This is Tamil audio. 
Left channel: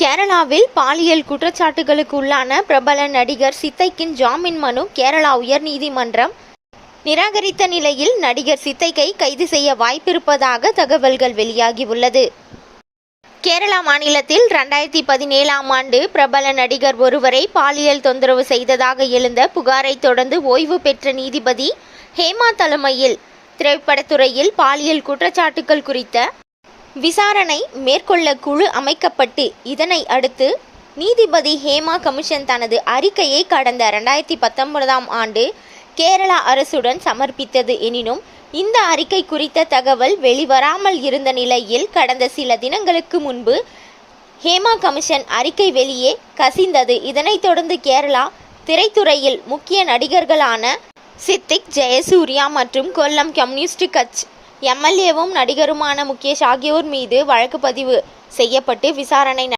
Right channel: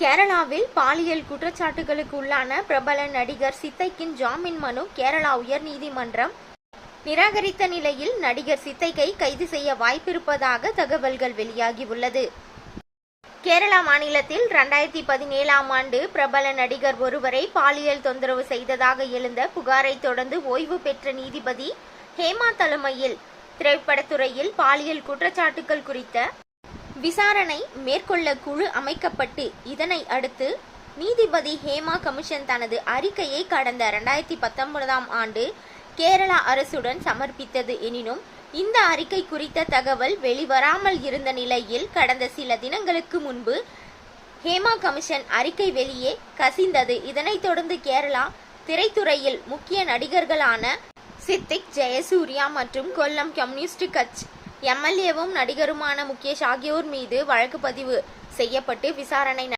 கேரளாவில் பாலியல் குற்றச்சாட்டுகளுக்கு உள்ளான பிரபல நடிகர் சித்தைக்கின் ஜாமீன் மனு கேரளா உயர்நீதிமன்றம் நிராகரித்த நிலையில் நடிகர் சித்தைக்கை கைது செய்ய வாய்ப்பிருப்பதாக தகவல்கள் வெளியாகியுள்ளது. கேரளா மாநிலத்தில் 2017ஆம் ஆண்டு பிரபல நடிகர் ஒருவரை பாலியல் தொந்தரவு செய்ததாக எழுந்த புகாரை தொடர்ந்து ஓய்வு பெற்ற நீதிபதி ஹேமா தலைமையில் திரைப்படத்துறையில் பாலியல் குற்றச்சாட்டுகள் குறித்த விசாரணை மேற்கொள்ள குழு அமைக்கப்பட்டு, இதனை அடுத்து நீதிபதி ஹேமா கமிஷன் தனது அறிக்கையை கடந்த 2019ஆம் ஆண்டு கேரளா அரசுடன் சமர்ப்பித்தது. எனினும் இந்த அறிக்கை குறித்த தகவல் வெளிவராமல் இருந்த நிலையில் கடந்த சில தினங்களுக்கு முன்பு ஹேமா கமிஷன் அறிக்கை வெளியே கசிந்தது. இதனைத் தொடர்ந்து கேரளா திரைத்துறையில் முக்கிய நடிகர்களான சித்திக், ஜெயசூர்யா மற்றும் கொல்லம் கம்யூனிஸ்ட் கட்சி எம்எல்ஏவும் நடிகருமான முகேஷ் ஆகியோர் மீது வழக்கு பதிவு செய்யப்பட்டு விசாரணை